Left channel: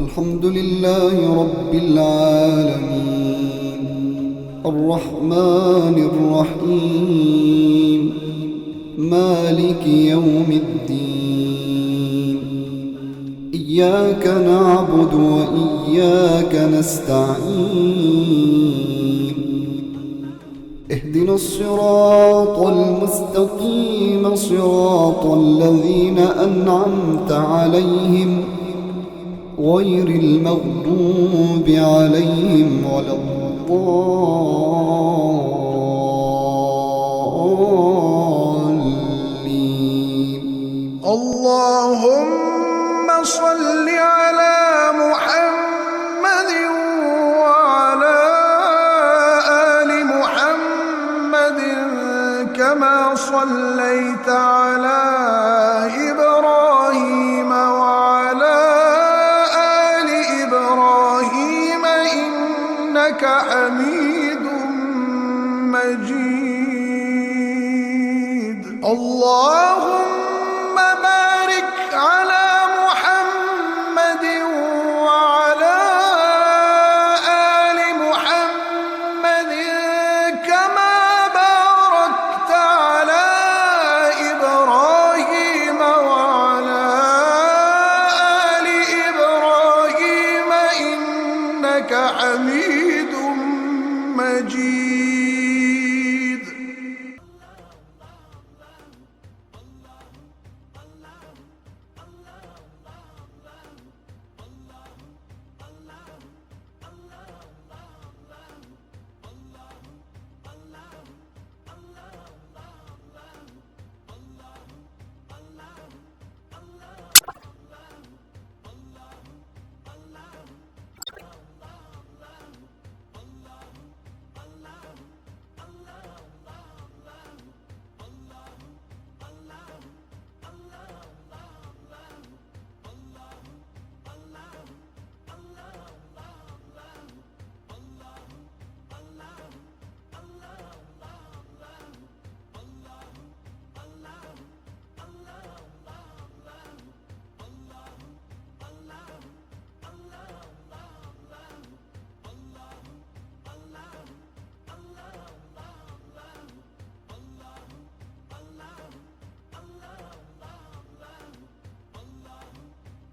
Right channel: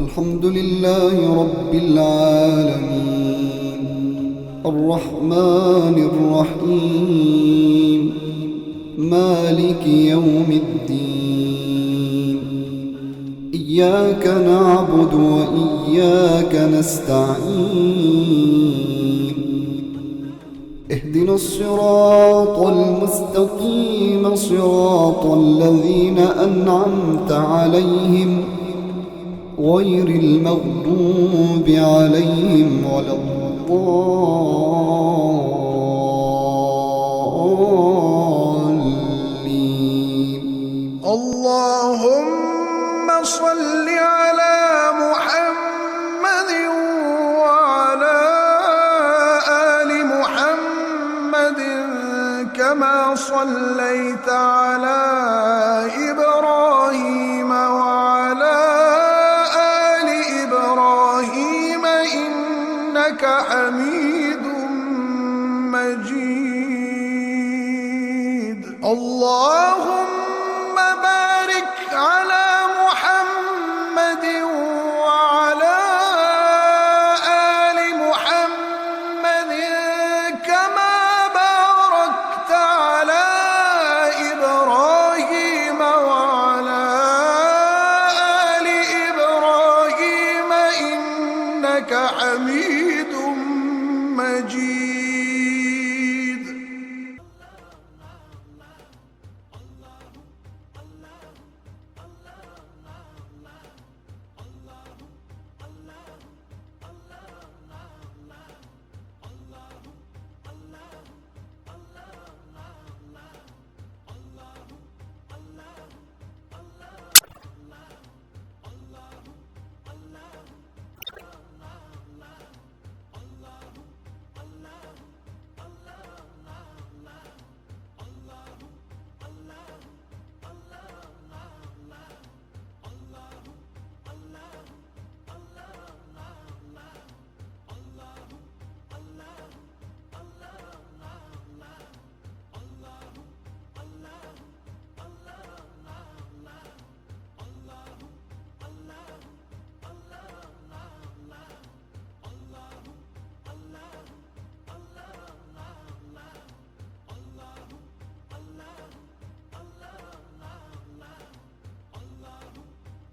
الحمد لله رب العالمين الرحمن الرحيم مالك يوم الدين إياك نعبد وإياك نستعين اهدنا الصراط المستقيم صراط الذين أنعمت عليهم غير المغضوب عليهم ولا الضالين. اللهم صل على محمد وعلى آل محمد كما صليت على إبراهيم وعلى آل إبراهيم إنك حميد مجيد. اللهم بارك على محمد وعلى آل محمد كما باركت على إبراهيم وعلى آل إبراهيم إنك حميد مجيد.